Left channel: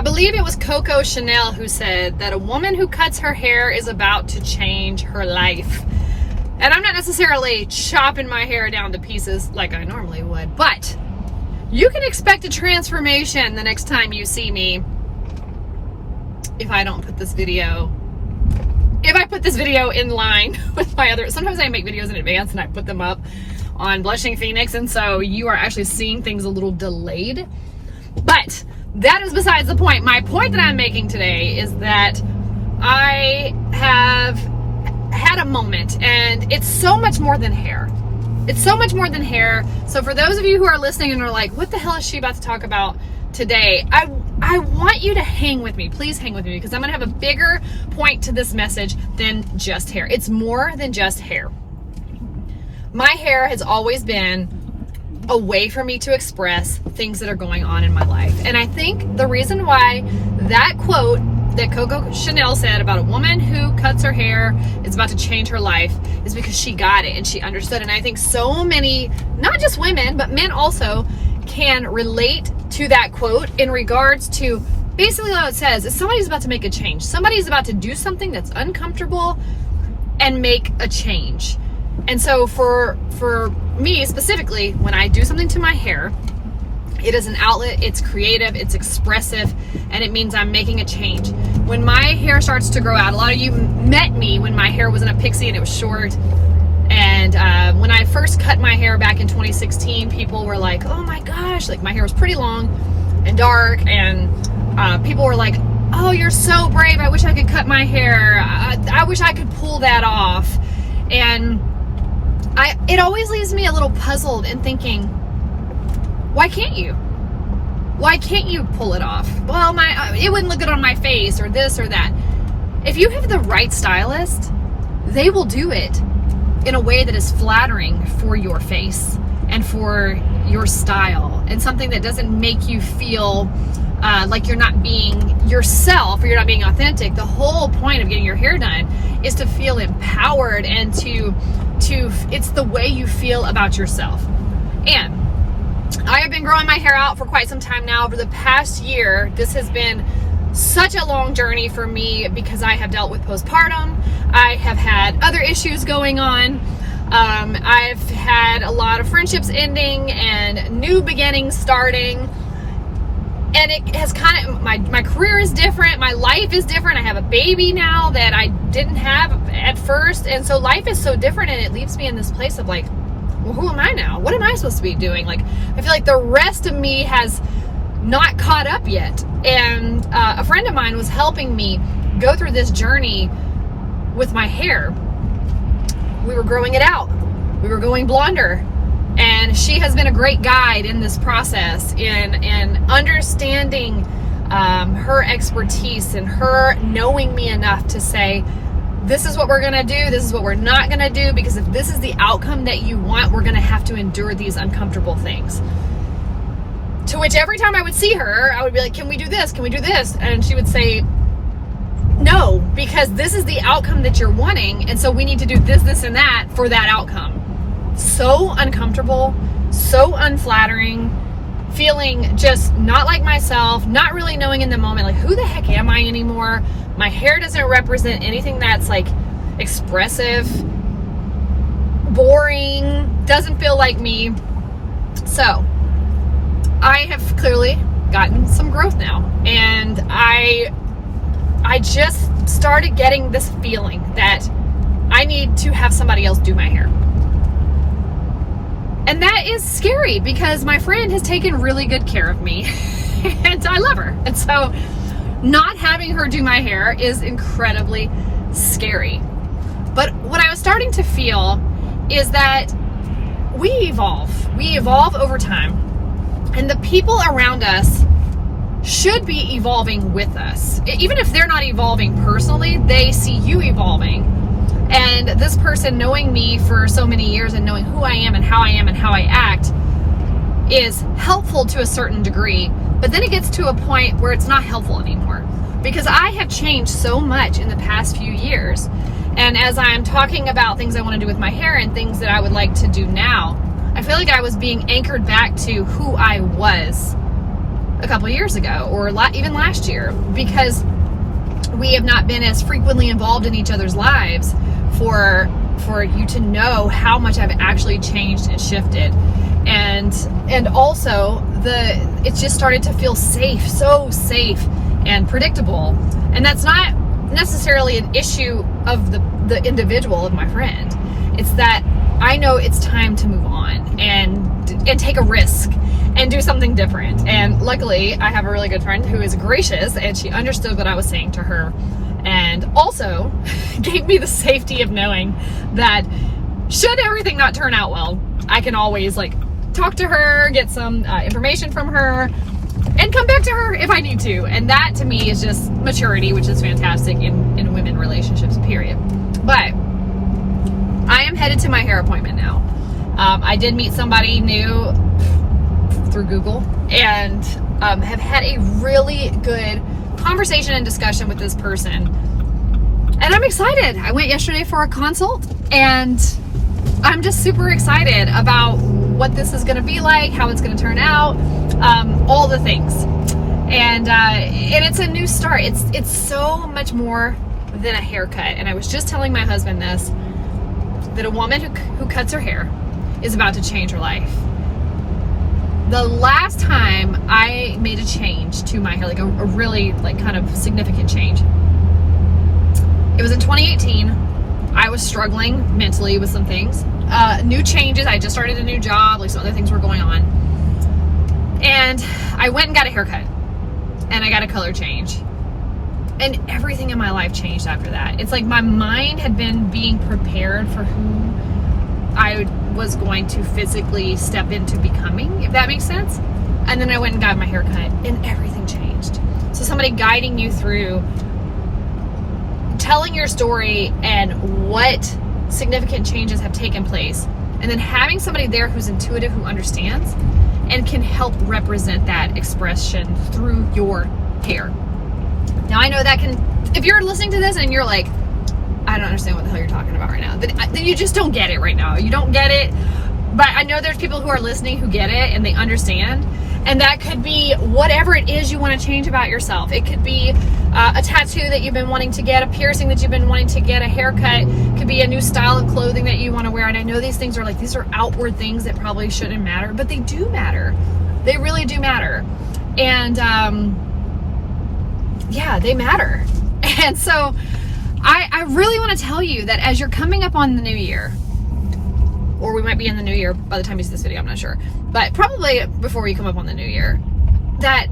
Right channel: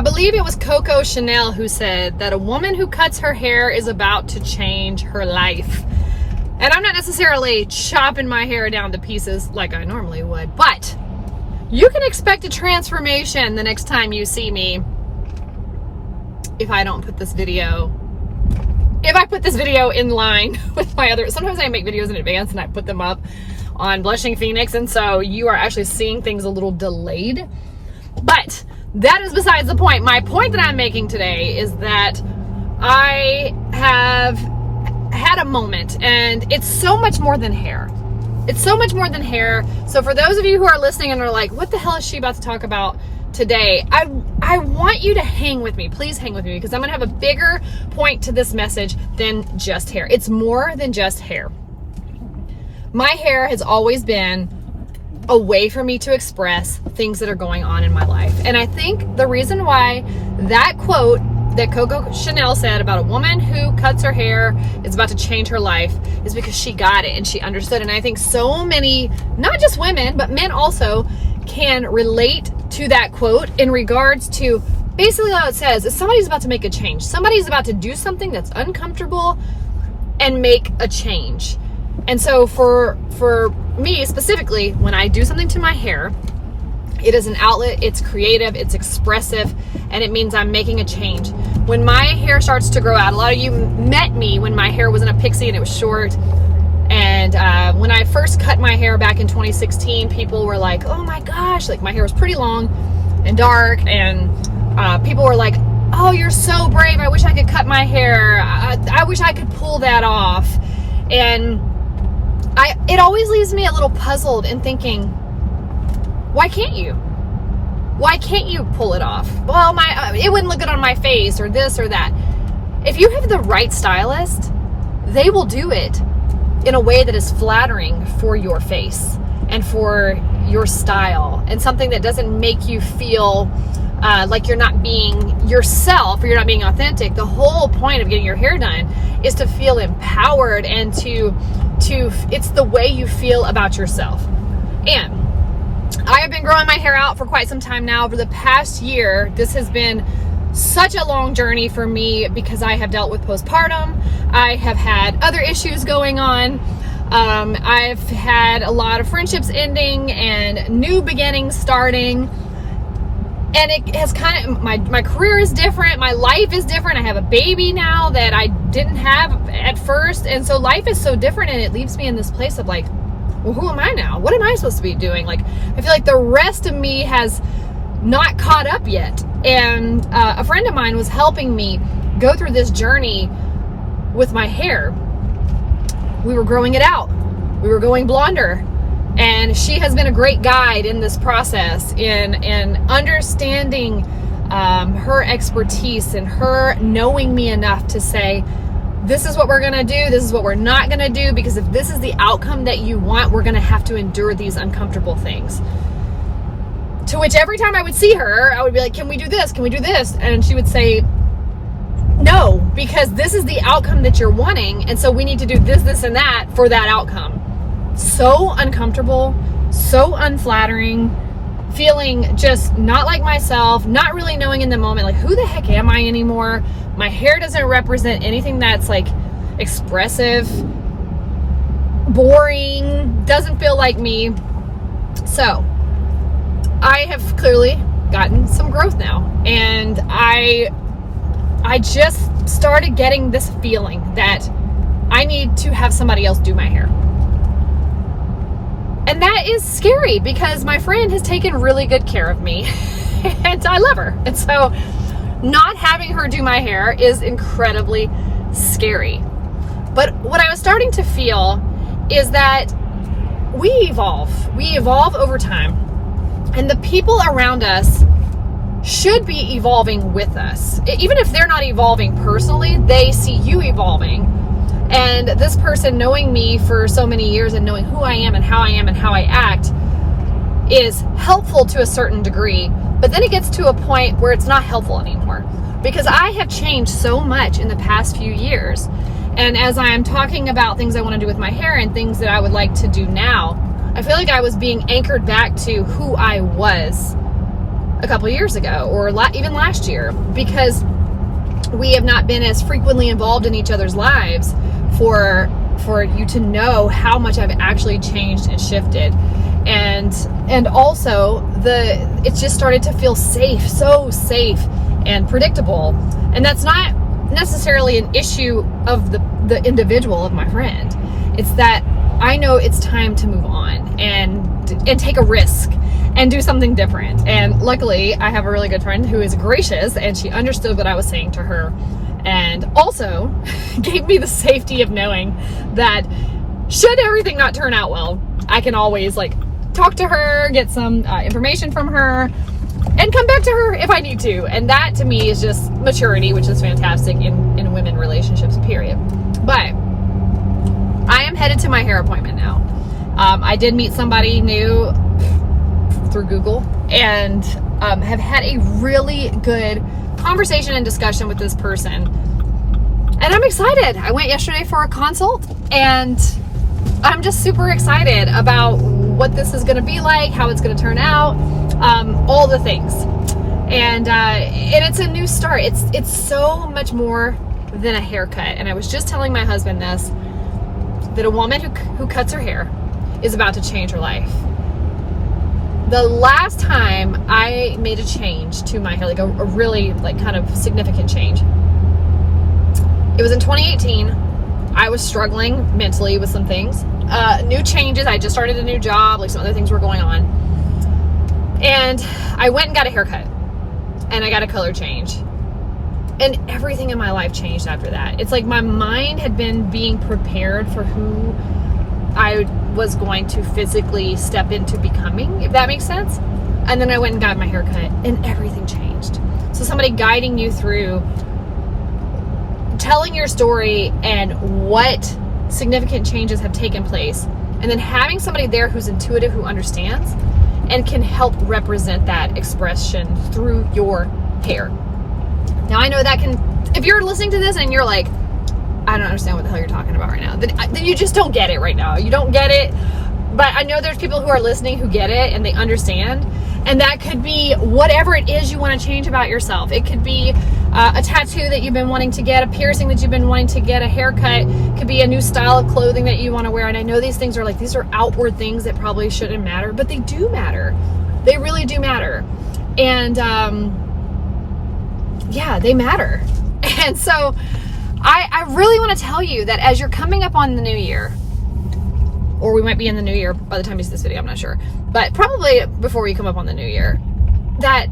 I believe it was Coco Chanel who said that a woman who cuts her hair is about to change her life. And I'm not necessarily chopping my hair down to pieces like I normally would, but you can expect a transformation the next time you see me if I don't put this video, if I put this video in line with my other, sometimes I make videos in advance and I put them up on Blushing Phoenix, and so you are actually seeing things a little delayed. But that is besides the point. My point that I'm making today is that I have had a moment, and it's so much more than hair. It's so much more than hair. So for those of you who are listening and are like, what the hell is she about to talk about today? I want you to hang with me. Please hang with me, because I'm going to have a bigger point to this message than just hair. It's more than just hair. My hair has always been a way for me to express things that are going on in my life. And I think the reason why that quote that Coco Chanel said about a woman who cuts her hair is about to change her life is because she got it and she understood. And I think so many, not just women, but men also can relate to that quote in regards to basically how it says is somebody's about to make a change. Somebody's about to do something that's uncomfortable and make a change. And so for me specifically, when I do something to my hair, it is an outlet, it's creative, it's expressive, and it means I'm making a change. When my hair starts to grow out, a lot of you met me when my hair wasn't a pixie and it was short. And when I first cut my hair back in 2016, people were like, oh my gosh, like my hair was pretty long and dark, and people were like, oh, you're so brave. I wish I could cut my hair. I wish I could pull that off. And it always leaves me a little puzzled and thinking, why can't you? Why can't you pull it off? Well, it wouldn't look good on my face, or this or that. If you have the right stylist, they will do it in a way that is flattering for your face and for your style, and something that doesn't make you feel like you're not being yourself or you're not being authentic. The whole point of getting your hair done is to feel empowered and to it's the way you feel about yourself. And I have been growing my hair out for quite some time now. Over the past year, this has been such a long journey for me because I have dealt with postpartum. I have had other issues going on. I've had a lot of friendships ending and new beginnings starting. And it has kind of, my career is different. My life is different. I have a baby now that I didn't have at first. And so life is so different, and it leaves me in this place of like, well, who am I now? What am I supposed to be doing? Like, I feel like the rest of me has not caught up yet. And a friend of mine was helping me go through this journey with my hair. We were growing it out. We were going blonder. And she has been a great guide in this process in understanding her expertise and her knowing me enough to say, this is what we're going to do. This is what we're not going to do, because if this is the outcome that you want, we're going to have to endure these uncomfortable things. To which every time I would see her, I would be like, can we do this? Can we do this? And she would say, no, because this is the outcome that you're wanting. And so we need to do this, this, and that for that outcome. So uncomfortable, so unflattering, feeling just not like myself, not really knowing in the moment, like, who the heck am I anymore? My hair doesn't represent anything that's like expressive, boring, doesn't feel like me. So I have clearly gotten some growth now, and I just started getting this feeling that I need to have somebody else do my hair. And that is scary because my friend has taken really good care of me and I love her. And so not having her do my hair is incredibly scary. But what I was starting to feel is that we evolve over time, and the people around us should be evolving with us. Even if they're not evolving personally, they see you evolving. And this person knowing me for so many years and knowing who I am and how I act is helpful to a certain degree. But then it gets to a point where it's not helpful anymore, because I have changed so much in the past few years. And as I'm talking about things I want to do with my hair and things that I would like to do now, I feel like I was being anchored back to who I was a couple years ago, or even last year, because we have not been as frequently involved in each other's lives for you to know how much I've actually changed and shifted. And also it's just started to feel safe, so safe and predictable. And that's not necessarily an issue of the individual, of my friend. It's that I know it's time to move on and take a risk and do something different. And luckily, I have a really good friend who is gracious, and she understood what I was saying to her, and also gave me the safety of knowing that should everything not turn out well, I can always talk to her, get some information from her, and come back to her if I need to. And that to me is just maturity, which is fantastic in women relationships, period. But I am headed to my hair appointment now. I did meet somebody new through Google, and have had a really good conversation and discussion with this person. And I'm excited. I went yesterday for a consult, and I'm just super excited about what this is going to be like, how it's going to turn out, all the things. And it's a new start. It's so much more than a haircut. And I was just telling my husband this, that a woman who cuts her hair is about to change her life. The last time I made a change to my hair, a really kind of significant change, it was in 2018. I was struggling mentally with some things. New changes. I just started a new job. Some other things were going on. And I went and got a haircut. And I got a color change. And everything in my life changed after that. It's like my mind had been being prepared for who I was going to physically step into becoming, if that makes sense. And then I went and got my haircut, and everything changed. So somebody guiding you through telling your story and what significant changes have taken place, and then having somebody there who's intuitive, who understands and can help represent that expression through your hair. Now, I know that if you're listening to this and you're like, I don't understand what the hell you're talking about right now, then you just don't get it right now. You don't get it. But I know there's people who are listening who get it and they understand. And that could be whatever it is you want to change about yourself. It could be a tattoo that you've been wanting to get, a piercing that you've been wanting to get, a haircut. It could be a new style of clothing that you want to wear. And I know these things are these are outward things that probably shouldn't matter, but they do matter. They really do matter. And yeah, they matter. And so I really want to tell you that as you're coming up on the new year, or we might be in the new year by the time you see this video, I'm not sure, but probably before you come up on the new year, that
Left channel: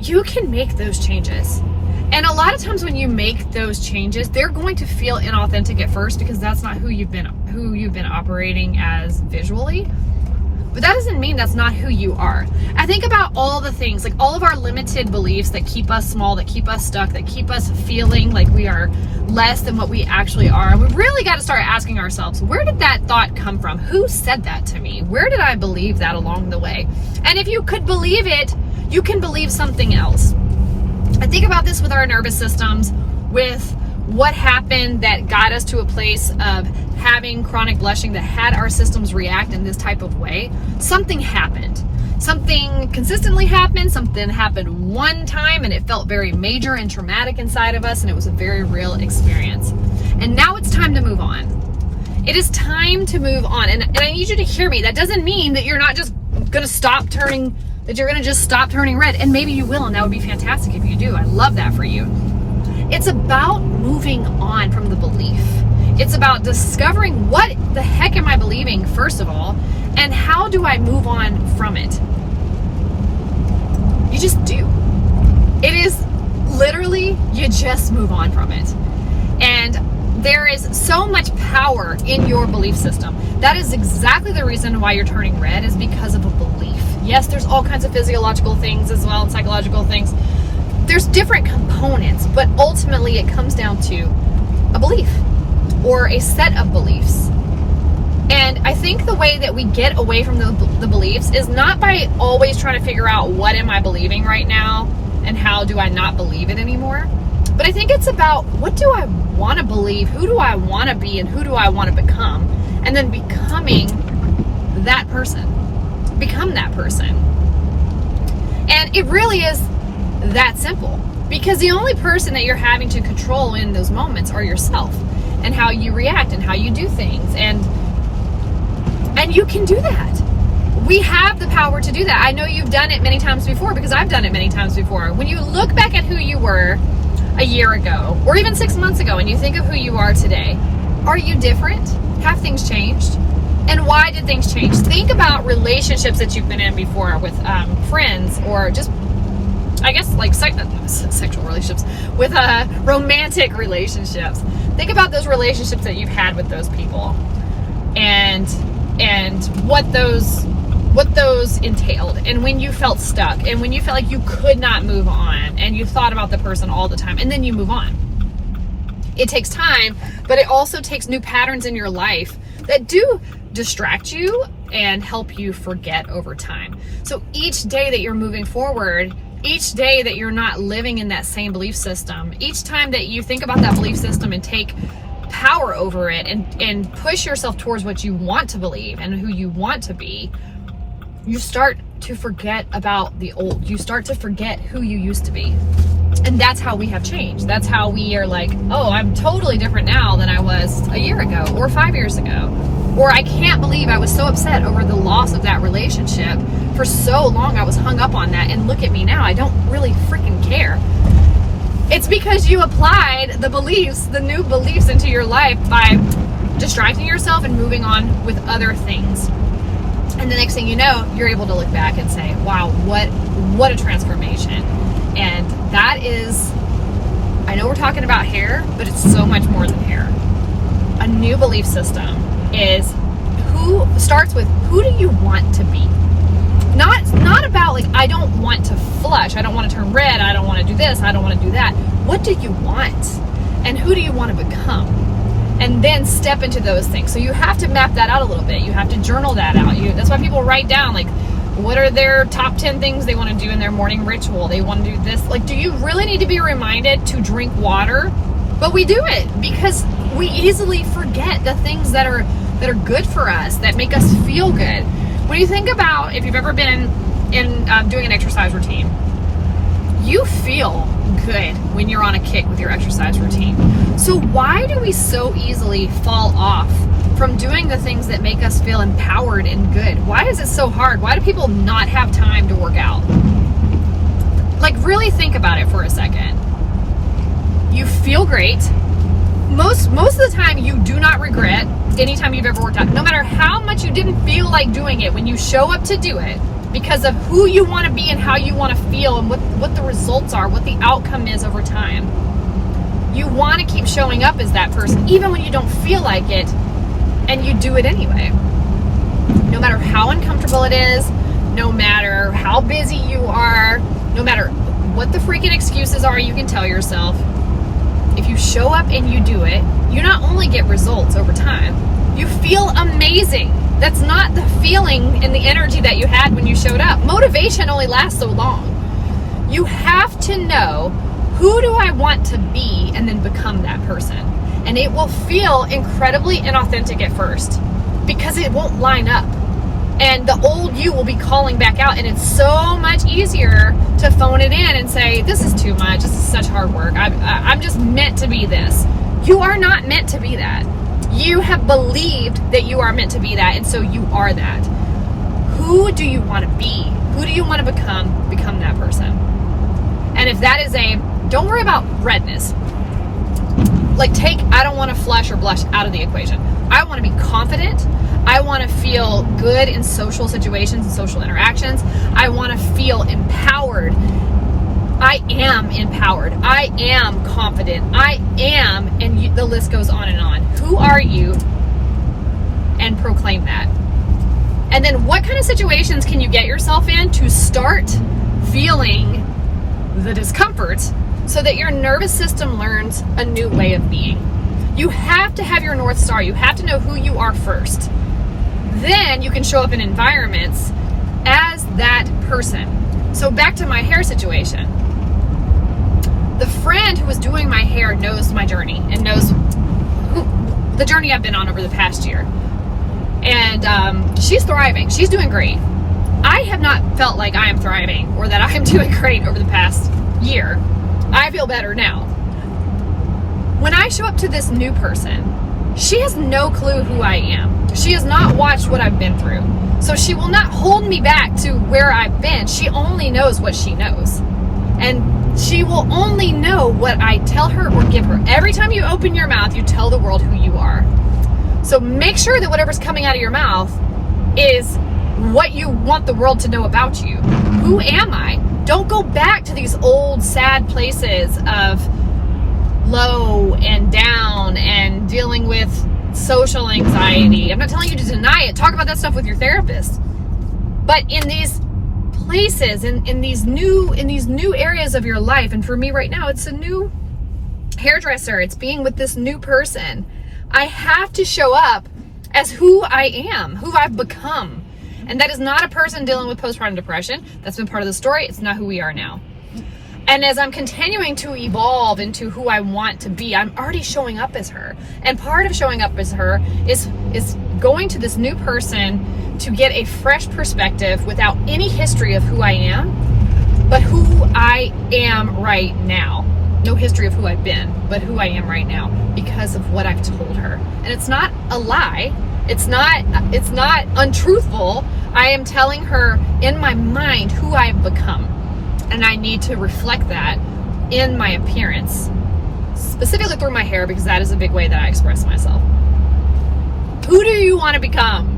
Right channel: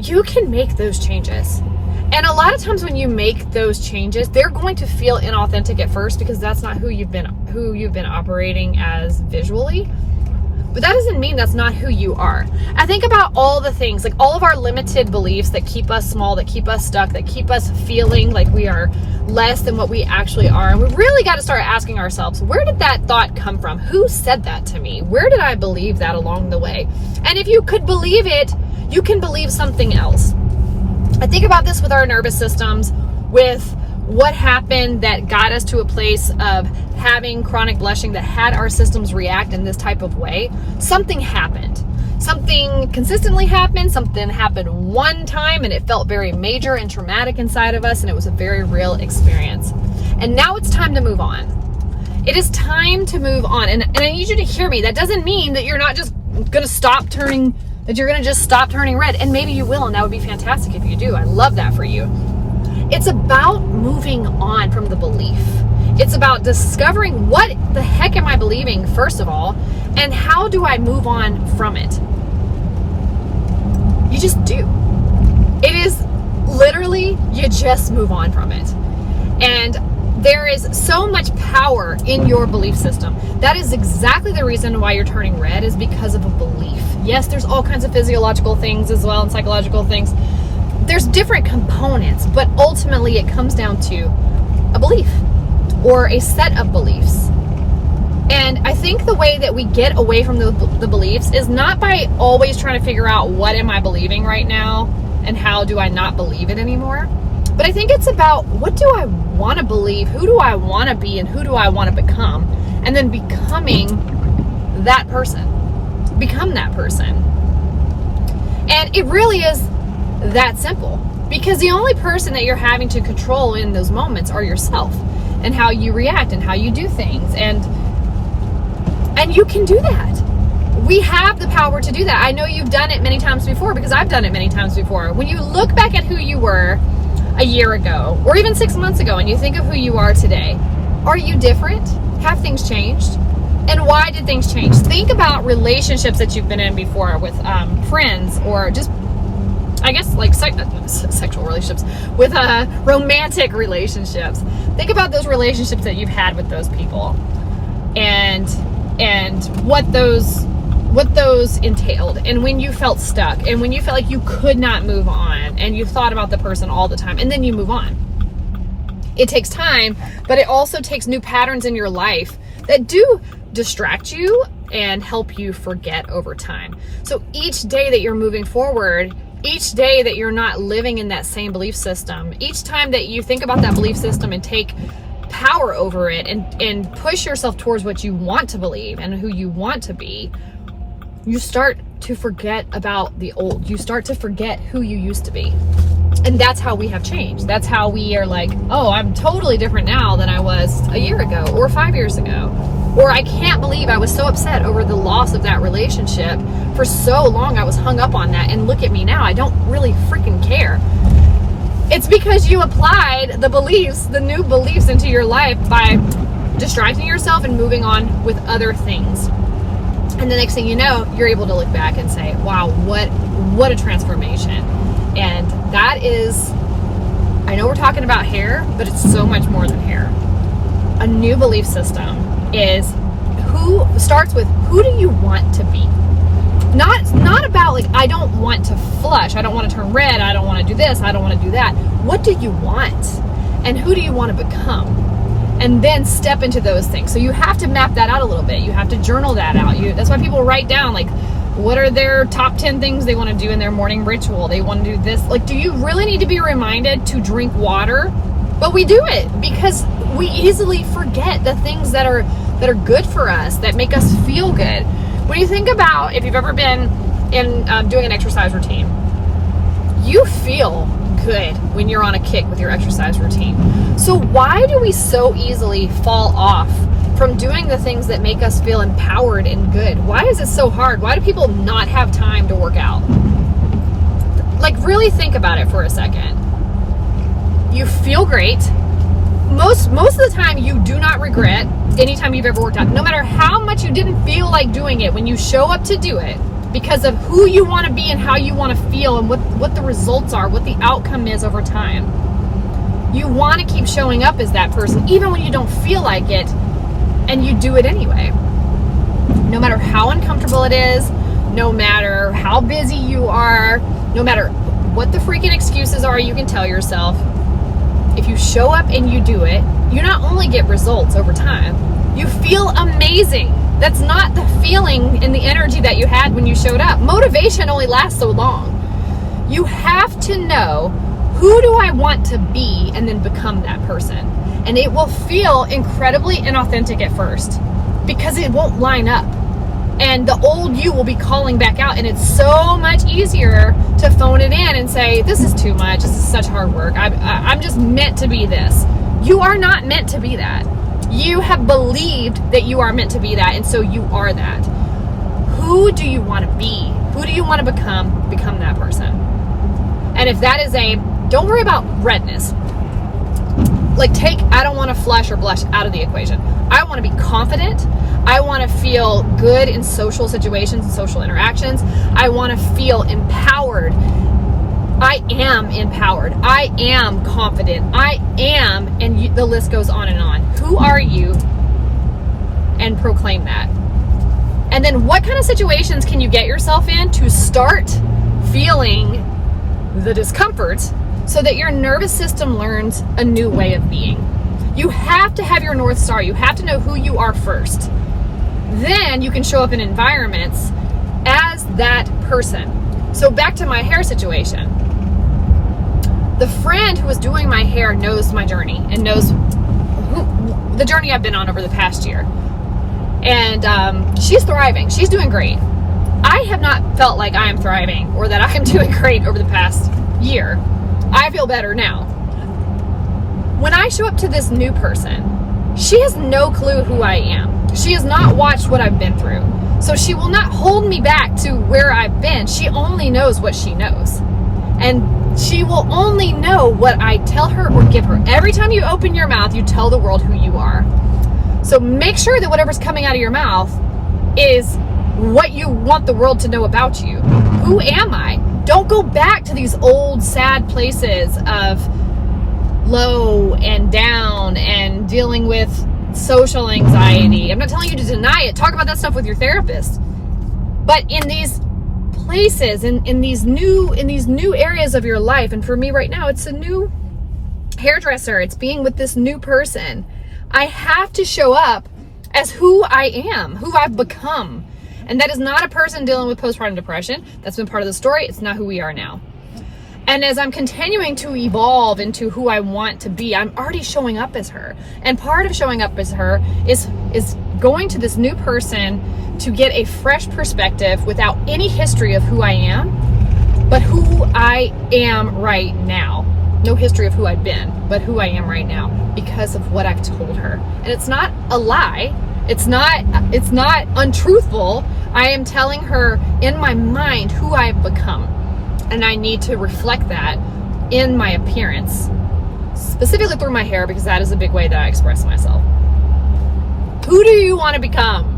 you can make those changes. And a lot of times when you make those changes, they're going to feel inauthentic at first, because that's not who you've been operating as visually. But that doesn't mean that's not who you are. I think about all the things, all of our limited beliefs that keep us small, that keep us stuck, that keep us feeling like we are less than what we actually are. And we really got to start asking ourselves, where did that thought come from? Who said that to me? Where did I believe that along the way? And if you could believe it, you can believe something else. I think about this with our nervous systems, with what happened that got us to a place of having chronic blushing, that had our systems react in this type of way. Something happened. Something consistently happened. Something happened one time, and it felt very major and traumatic inside of us, and it was a very real experience. And now it's time to move on. It is time to move on. And I need you to hear me. That doesn't mean that you're not just going to stop turning, that you're going to just stop turning red. And maybe you will, and that would be fantastic if you do. I love that for you. It's about moving on from the belief. It's about discovering, what the heck am I believing, first of all, and how do I move on from it? You just do. It is literally, you just move on from it. And there is so much power in your belief system. That is exactly the reason why you're turning red, is because of a belief. Yes, there's all kinds of physiological things as well, and psychological things. There's different components, but ultimately it comes down to a belief, or a set of beliefs. And I think the way that we get away from the beliefs is not by always trying to figure out, what am I believing right now and how do I not believe it anymore? But I think it's about, what do I want to believe? Who do I want to be, and who do I want to become? And then becoming that person. Become that person. And it really is that simple, because the only person that you're having to control in those moments are yourself, and how you react and how you do things. And you can do that. We have the power to do that. I know you've done it many times before, because I've done it many times before. When you look back at who you were a year ago, or even 6 months ago, and you think of who you are today, are you different? Have things changed? And why did things change? Think about relationships that you've been in before with friends, or just, I guess, like sexual relationships, with romantic relationships. Think about those relationships that you've had with those people, and what those entailed, and when you felt stuck, and when you felt like you could not move on, and you thought about the person all the time, and then you move on. It takes time, but it also takes new patterns in your life that do distract you and help you forget over time. So each day that you're moving forward, each day that you're not living in that same belief system, each time that you think about that belief system and take power over it, and push yourself towards what you want to believe and who you want to be, you start to forget about the old. You start to forget who you used to be. And that's how we have changed. That's how we are like, oh, I'm totally different now than I was a year ago or 5 years ago. Or I can't believe I was so upset over the loss of that relationship for so long. I was hung up on that, and look at me now. I don't really freaking care. It's because you applied the beliefs, the new beliefs, into your life by distracting yourself and moving on with other things. And the next thing you know, you're able to look back and say, wow, what a transformation. And that is, I know we're talking about hair, but it's so much more than hair. A new belief system starts with, who do you want to be? Not about like, I don't want to flush, I don't want to turn red, I don't want to do this, I don't want to do that. What do you want? And who do you want to become? And then step into those things. So you have to map that out a little bit. You have to journal that out. That's why people write down, like, what are their top 10 things they want to do in their morning ritual? They want to do this. Like, do you really need to be reminded to drink water? But we do it because we easily forget the things that are good for us, that make us feel good. When you think about, if you've ever been in doing an exercise routine, you feel good when you're on a kick with your exercise routine. So why do we so easily fall off from doing the things that make us feel empowered and good? Why is it so hard? Why do people not have time to work out? Like, really think about it for a second. You feel great. Most of the time, you do not regret anytime you've ever worked out. No matter how much you didn't feel like doing it, when you show up to do it, because of who you want to be and how you want to feel and what the results are, what the outcome is over time, you want to keep showing up as that person, even when you don't feel like it, and you do it anyway. No matter how uncomfortable it is, no matter how busy you are, no matter what the freaking excuses are you can tell yourself, if you show up and you do it, you not only get results over time, you feel amazing. That's not the feeling and the energy that you had when you showed up. Motivation only lasts so long. You have to know, who do I want to be, and then become that person. And it will feel incredibly inauthentic at first because it won't line up. And the old you will be calling back out, and it's so much easier to phone it in and say, this is too much, this is such hard work, I'm just meant to be this. You are not meant to be that. You have believed that you are meant to be that, and so you are that. Who do you want to be? Who do you want to become? Become that person. And if that is don't worry about redness. Like, I don't want to flush or blush out of the equation. I want to be confident. I want to feel good in social situations and social interactions. I want to feel empowered. I am empowered. I am confident. I am, and the list goes on and on. Who are you? And proclaim that. And then what kind of situations can you get yourself in to start feeling the discomfort so that your nervous system learns a new way of being? You have to have your North Star. You have to know who you are first. Then you can show up in environments as that person. So back to my hair situation. The friend who was doing my hair knows my journey and knows the journey I've been on over the past year. And she's thriving. She's doing great. I have not felt like I am thriving or that I am doing great over the past year. I feel better now. When I show up to this new person, she has no clue who I am. She has not watched what I've been through. So she will not hold me back to where I've been. She only knows what she knows. And she will only know what I tell her or give her. Every time you open your mouth, you tell the world who you are. So make sure that whatever's coming out of your mouth is what you want the world to know about you. Who am I? Don't go back to these old sad places of low and down and dealing with social anxiety. I'm not telling you to deny it. Talk about that stuff with your therapist. But in these places, in these new areas of your life, and for me right now, it's a new hairdresser. It's being with this new person. I have to show up as who I am, who I've become. And that is not a person dealing with postpartum depression. That's been part of the story. It's not who we are now. And as I'm continuing to evolve into who I want to be, I'm already showing up as her. And part of showing up as her is going to this new person to get a fresh perspective without any history of who I am, but who I am right now. No history of who I've been, but who I am right now because of what I've told her. And it's not a lie. It's not untruthful. I am telling her in my mind who I've become. And I need to reflect that in my appearance, specifically through my hair, because that is a big way that I express myself. Who do you want to become?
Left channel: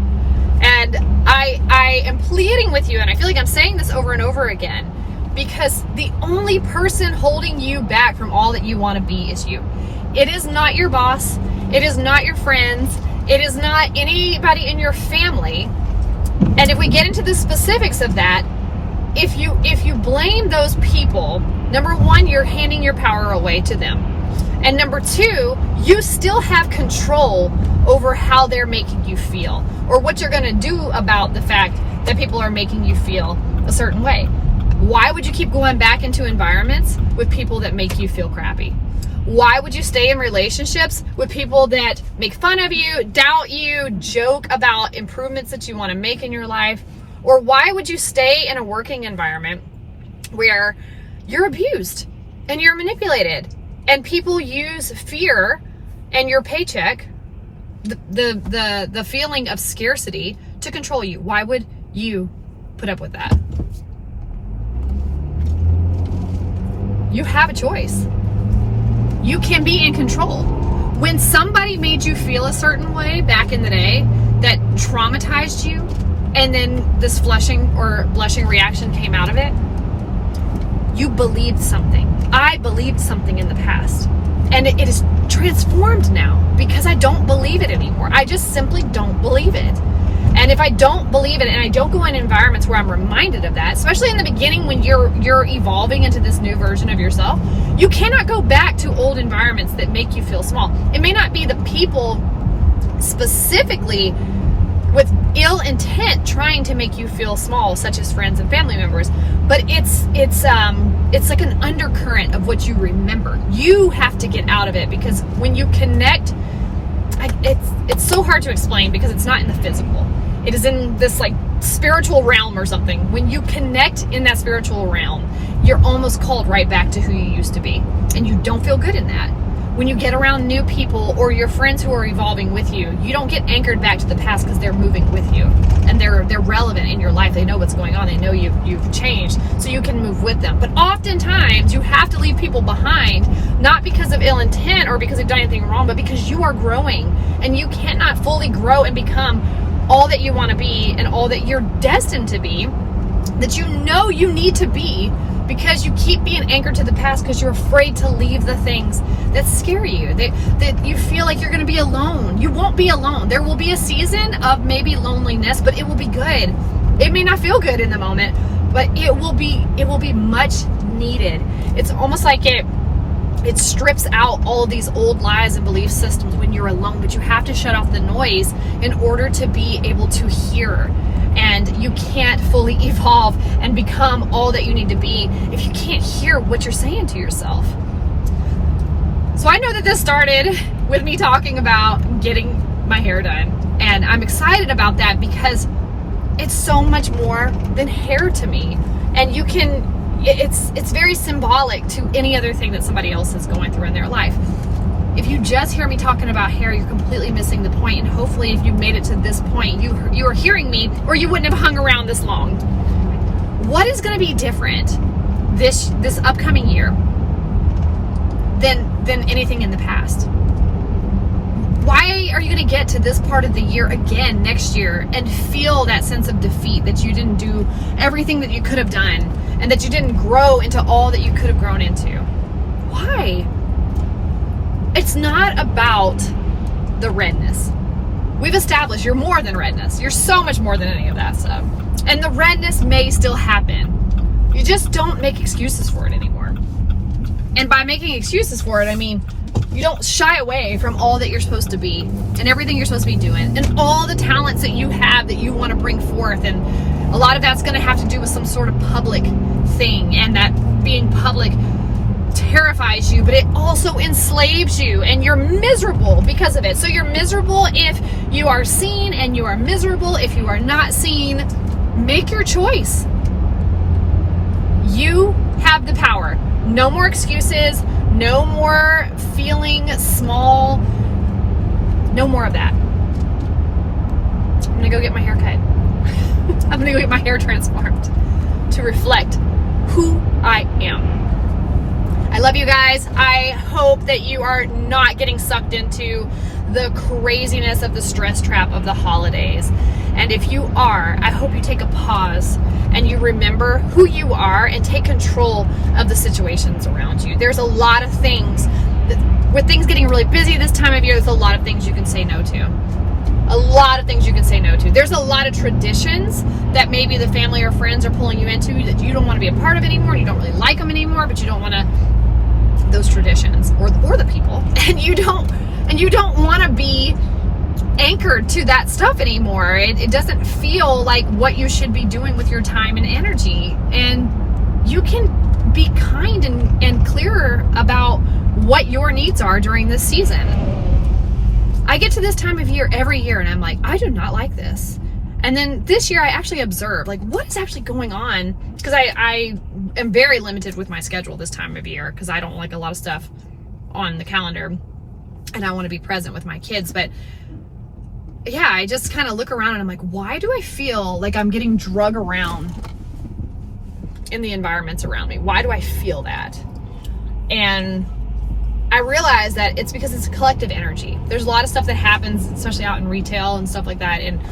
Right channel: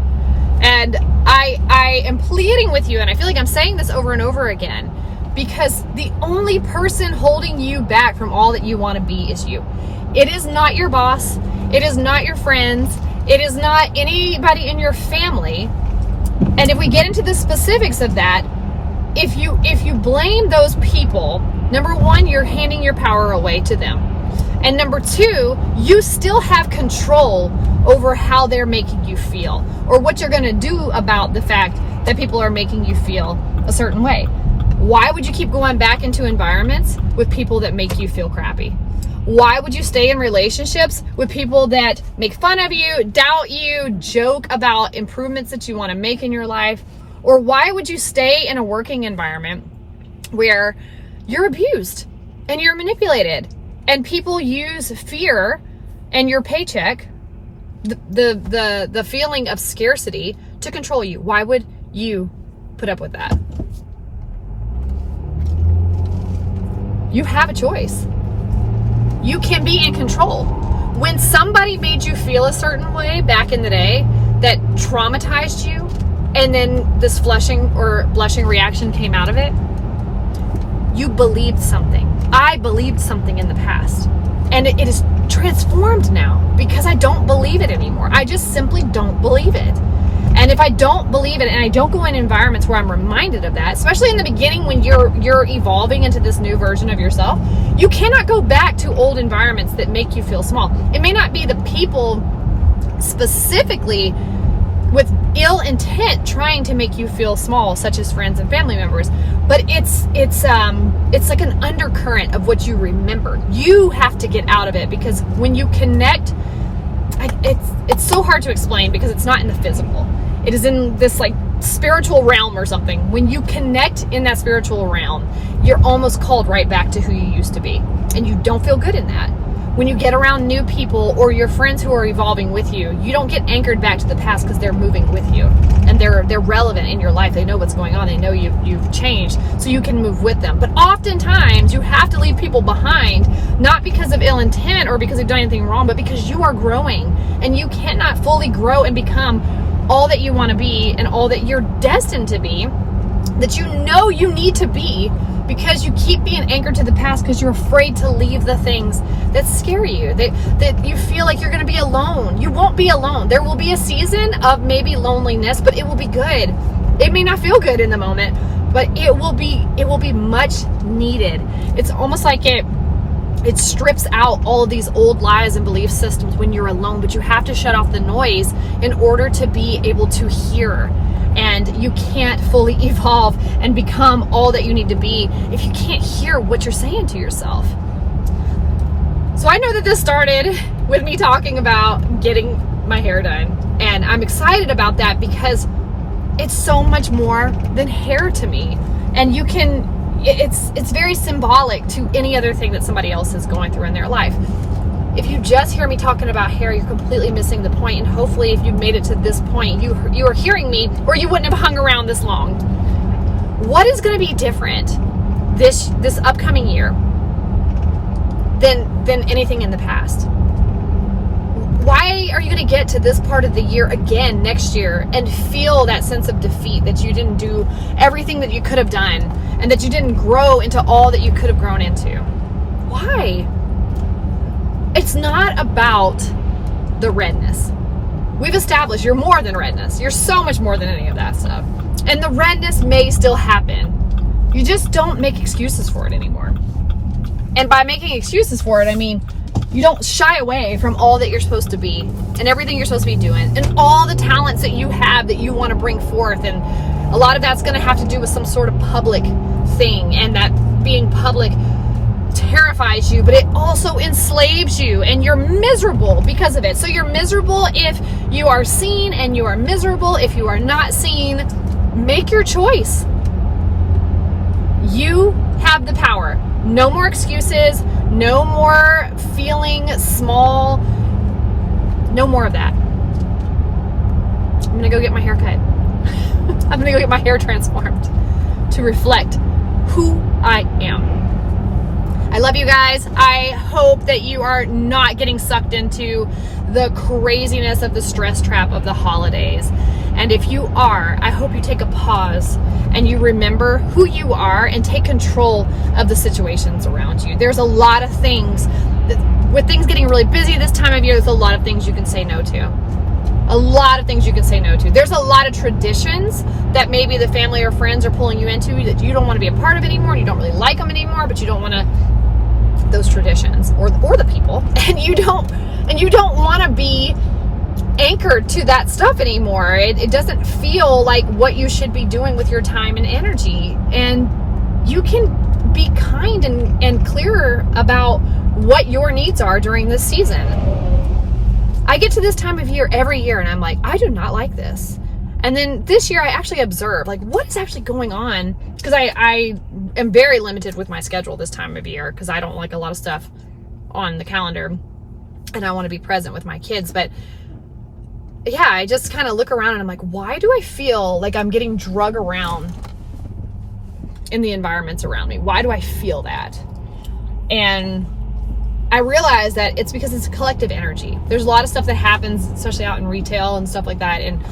And I am pleading with you, and I feel like I'm saying this over and over again, because the only person holding you back from all that you want to be is you. It is not your boss. It is not your friends. It is not anybody in your family. And if we get into the specifics of that, if you blame those people, number one, you're handing your power away to them. And number two, you still have control over how they're making you feel or what you're going to do about the fact that people are making you feel a certain way. Why would you keep going back into environments with people that make you feel crappy? Why would you stay in relationships with people that make fun of you, doubt you, joke about improvements that you want to make in your life? Or why would you stay in a working environment where you're abused and you're manipulated and people use fear and your paycheck, the feeling of scarcity, to control you? Why would you put up with that? You have a choice. You can be in control. When somebody made you feel a certain way back in the day that traumatized you, and then this flushing or blushing reaction came out of it, you believed something. I believed something in the past. And it is transformed now because I don't believe it anymore. I just simply don't believe it. And if I don't believe it and I don't go in environments where I'm reminded of that, especially in the beginning when you're evolving into this new version of yourself, you cannot go back to old environments that make you feel small. It may not be the people specifically with ill intent trying to make you feel small, such as friends and family members, but it's like an undercurrent of what you remember. You have to get out of it, because when you connect, it's so hard to explain because it's not in the physical. It is in this like spiritual realm or something. When you connect in that spiritual realm, you're almost called right back to who you used to be, and you don't feel good in that. When you get around new people or your friends who are evolving with you, you don't get anchored back to the past because they're moving with you and they're relevant in your life. They know what's going on. They know you've changed, so you can move with them. But oftentimes you have to leave people behind, not because of ill intent or because they've done anything wrong, but because you are growing, and you cannot fully grow and become all that you want to be and all that you're destined to be, that you know you need to be, because you keep being anchored to the past because you're afraid to leave the things that scare you, that you feel like you're going to be alone. You won't be alone. There will be a season of maybe loneliness, but it will be good. It may not feel good in the moment, but it will be much needed. It's almost like it strips out all of these old lies and belief systems when you're alone, but you have to shut off the noise in order to be able to hear. And you can't fully evolve and become all that you need to be if you can't hear what you're saying to yourself. So I know that this started with me talking about getting my hair done. And I'm excited about that because it's so much more than hair to me. And it's very symbolic to any other thing that somebody else is going through in their life. If you just hear me talking about hair, you're completely missing the point. And hopefully if you've made it to this point, you are hearing me, or you wouldn't have hung around this long. What is going to be different this upcoming year than anything in the past? Why are you going to get to this part of the year again next year and feel that sense of defeat, that you didn't do everything that you could have done and that you didn't grow into all that you could have grown into? Why? It's not about the redness. We've established you're more than redness. You're so much more than any of that stuff. And the redness may still happen. You just don't make excuses for it anymore. And by making excuses for it, I mean, you don't shy away from all that you're supposed to be and everything you're supposed to be doing and all the talents that you have that you want to bring forth. And a lot of that's going to have to do with some sort of public thing, and that being public terrifies you, but it also enslaves you, and you're miserable because of it. So you're miserable if you are seen, and you are miserable if you are not seen. Make your choice. You have the power. No more excuses. No more feeling small. No more of that. I'm going to go get my hair cut. I'm going to go get my hair transformed to reflect who I am. I love you guys. I hope that you are not getting sucked into the craziness of the stress trap of the holidays. And if you are, I hope you take a pause and you remember who you are and take control of the situations around you. There's a lot of things, with things getting really busy this time of year, there's a lot of things you can say no to. A lot of things you can say no to. There's a lot of traditions that maybe the family or friends are pulling you into that you don't want to be a part of anymore. You don't really like them anymore, but you don't want to, those traditions or the people, and you don't want to be anchored to that stuff anymore. It doesn't feel like what you should be doing with your time and energy. And you can be kind and clearer about what your needs are during this season. I get to this time of year every year and I'm like, I do not like this. And then this year I actually observed, like, what is actually going on? Because I am very limited with my schedule this time of year because I don't like a lot of stuff on the calendar and I want to be present with my kids. But yeah, I just kind of look around and I'm like, why do I feel like I'm getting drug around in the environments around me? Why do I feel that? And I realize that it's because it's a collective energy. There's a lot of stuff that happens, especially out in retail and stuff like that. And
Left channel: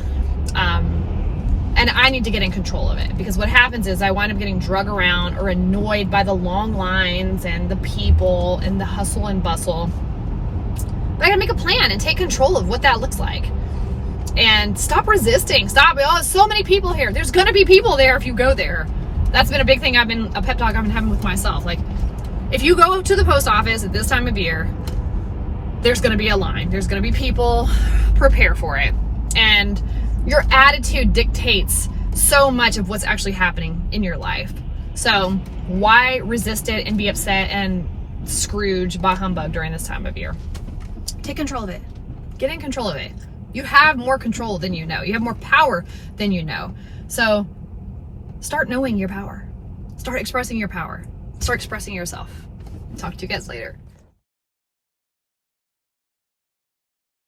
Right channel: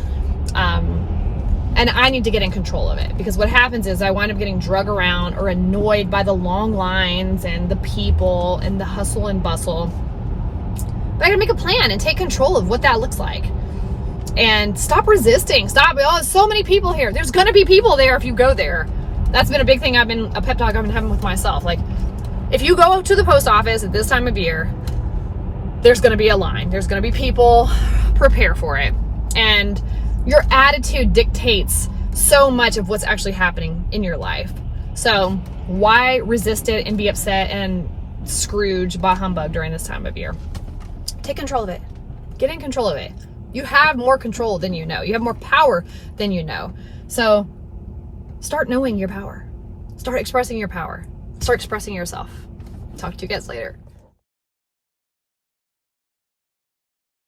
I need to get in control of it, because what happens is I wind up getting drug around or annoyed by the long lines and the people and the hustle and bustle. But I gotta make a plan and take control of what that looks like. And stop resisting. Stop. Oh, so many people here. There's gonna be people there if you go there. That's been a big thing a pep talk I've been having with myself. Like, if you go to the post office at this time of year, there's going to be a line. There's going to be people. Prepare for it. And your attitude dictates so much of what's actually happening in your life. So why resist it and be upset and Scrooge bah humbug during this time of year? Take control of it. Get in control of it. You have more control than you know. You have more power than you know. So start knowing your power. Start expressing your power. Start expressing yourself. Talk to you guys later.